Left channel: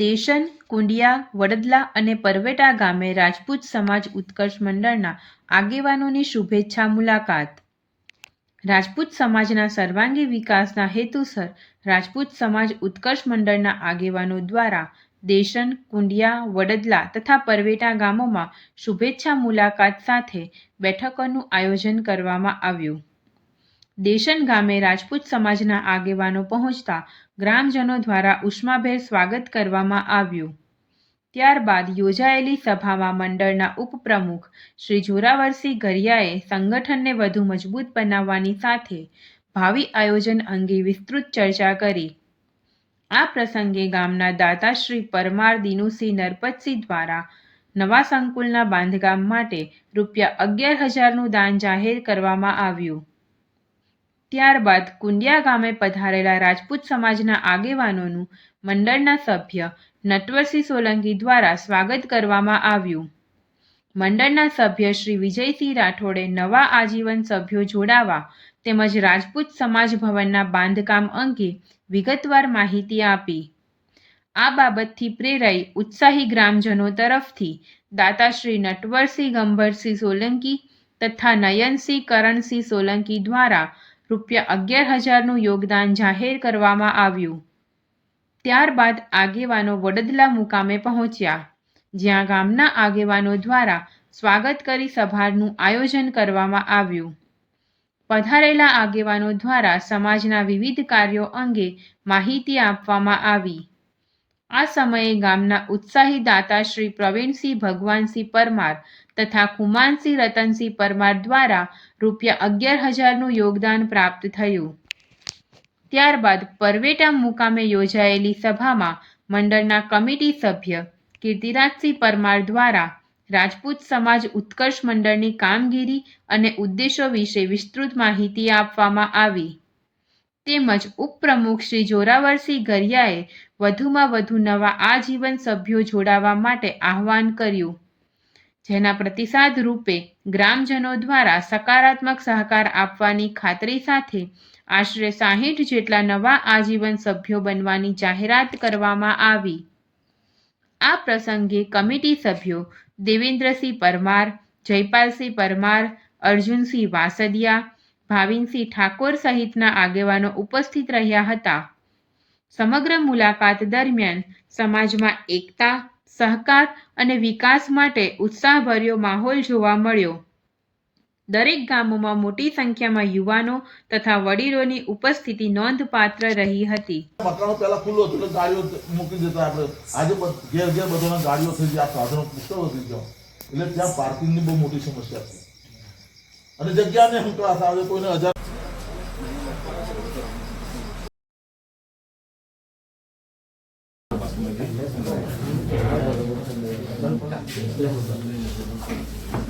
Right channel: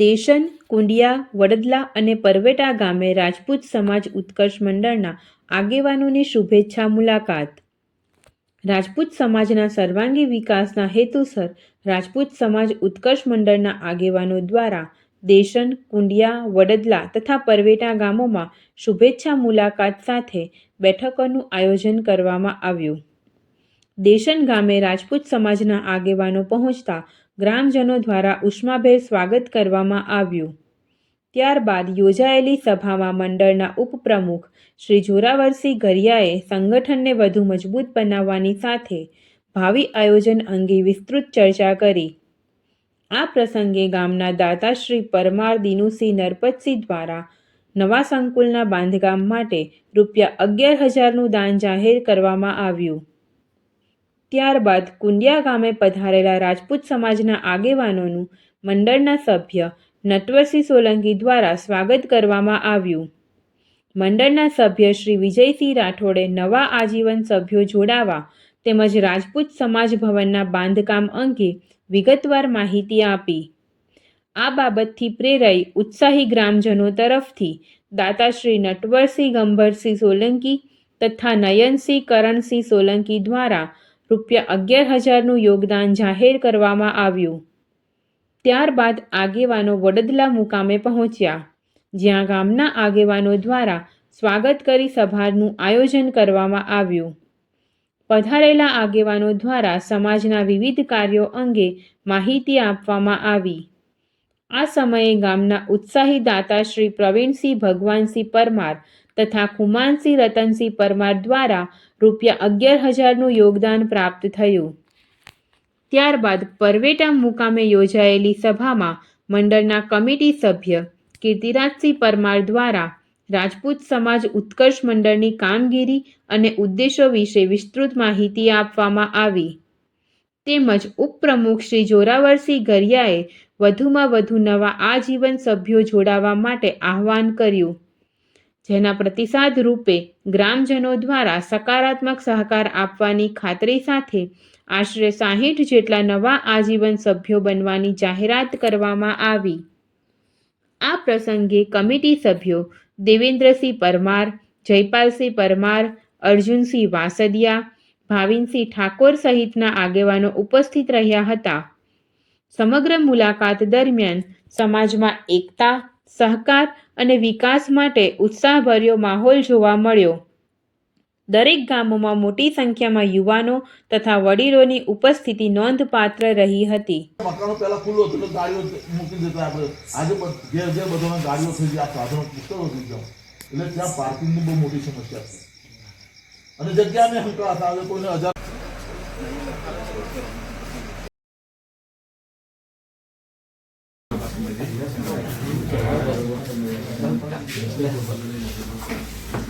દેશન, કુંડિયા, વડદલા અને પરવેટા ગામે રાજપૂત સમાજ ઉત્કર્ષ મંડળના આગેવાનોની શુભેચ્છા મુલાકાત. રાજપૂત સમાજના સર્વાંગી વિકાસના હેતુસર રાજપૂત સમાજ ઉત્કર્ષ મંડળના આગેવાનો દ્વારા દેશન, કુંડિયા, વડદલા તથા પરવેટા ગામોમાં શુભેચ્છા મુલાકાત સાથે બેઠકોનું આયોજન કરવામાં આવ્યું. દેશન ગામે રાજપૂત સમાજના આગેવાનો પહોંચતા ગ્રામજનો દ્વારા ઉષ્માભેર સ્વાગત કરવામાં આવ્યું. ત્યારબાદ યોજાયેલી સભામાં મંડળના ઉપપ્રમુખ શ્રી જોરાવરસિંહ ગરિયાએ સંગઠનને વધુ મજબૂત બનાવવાની સાથે ભાવિ આયોજન અંગે વિસ્તૃત ચર્ચા કરી. આ પ્રસંગે ગામના દાતા શ્રી પરમાર દિનુસિંહ નરપતસિંહ દ્વારા નવા સંકુલના બાંધકામ માટે રૂ11,000નું દાન જાહેર કરવામાં આવ્યું. ત્યારબાદ કુંડિયા ગામે પધારેલા રાજપૂત સમાજના આગેવાનોનું મંડળના સભ્ય નટવરસિંહ સોલંકી દ્વારા સ્વાગત કરવામાં આવ્યું. મંડળના સભ્ય શ્રી વિજયસિંહ રાઠોડે નવા આજીવન સભ્યો જોડાવા તેમજ રાજપૂત સમાજ ભવનના બાંધકામ અંગે વિગતવાર માહિતી આપી. આ બાબતથી પ્રેરાઈ ઉત્સાહી ગ્રામજનો તરફથી દાતા શ્રી નટવરસિંહ ગંભરસિંહ સોલંકી તથા નયનસિંહ કરણસિંહ સોલંકી દ્વારા રૂ11,000નું યોગદાન જાહેર કરવામાં આવ્યું. ત્યારબાદ આગેવાનો વડદલા મુકામે પહોંચ્યા, જ્યાં ગામના આગેવાનો દ્વારા સ્વાગત કરી સભાનું આયોજન કરવામાં આવ્યું. પધારેલા આગેવાનો દ્વારા સમાજના વિવિધ કાર્યો અંગે માહિતી આપવામાં આવી. આ સમયે ગામના ઉત્સાહી દાતા શ્રી પ્રવીણસિંહ ભગવાનસિંહ પરમાર તથા ખુમાનસિંહ રતનસિંહ પરમાર દ્વારા રૂ11,000નું યોગદાન પ્રાપ્ત થયું. ત્યારબાદ પરવેટા મુકામે યોજાયેલી સભામાં મંડળના કમિટી સભ્ય કીર્તિરાજસિંહ પરમાર દ્વારા રાજપૂત સમાજ ઉત્કર્ષ મંડળની કામગીરી અને ઉદ્દેશો વિશે વિસ્તૃત માહિતી આપવામાં આવી. તેમજ ઉપપ્રમુખ શ્રી જોરાવરસિંહ ગરિયાએ વધુમાં વધુ નવા આજીવન સભ્યો જોડાવા માટે આહ્વાન કર્યું, જેના પ્રતિસાદ રૂપે ગ્રામજનો દ્વારા સકારાત્મક સહકાર આપવાની ખાતરી સાથે આશરે 60 જેટલા નવા આજીવન સભ્યો બનવાની જાહેરાત કરવામાં આવી. આ પ્રસંગે કમિટી સભ્યો દેવેન્દ્રસિંહ પરમાર, જયપાલસિંહ પરમાર, અર્જુનસિંહ વાસદિયા, ભાવિનસિંહ ઠાકોર સહિતના આગેવાનો ઉપસ્થિત રહ્યા હતા. સમગ્ર મુલાકાત દરમિયાન સમાજમાં એકતા, સહકાર અને વિકાસ માટે ઉત્સાહભર્યો માહોલ જોવા મળ્યો. દરેક ગામોમાં મોટી સંખ્યામાં યુવાનો તથા વડીલોની ઉપસ્થિતિ નોંધપાત્ર રહી હતી. મકાનો પહેલા ખુલ્લો હતો એટલે ગાડીઓ મૂકી દેતા આપણે. આજે ઘેર ઘેર બધાના ગાડીઓ થઈ ગયા, સાધનો પુષ્કળ વધી ગયા, એટલે ત્યાં પાર્કિંગની બહુ મોટી સમસ્યા છે અને જગ્યાને હંકાળા આવે કોઈને 1000 Gracias.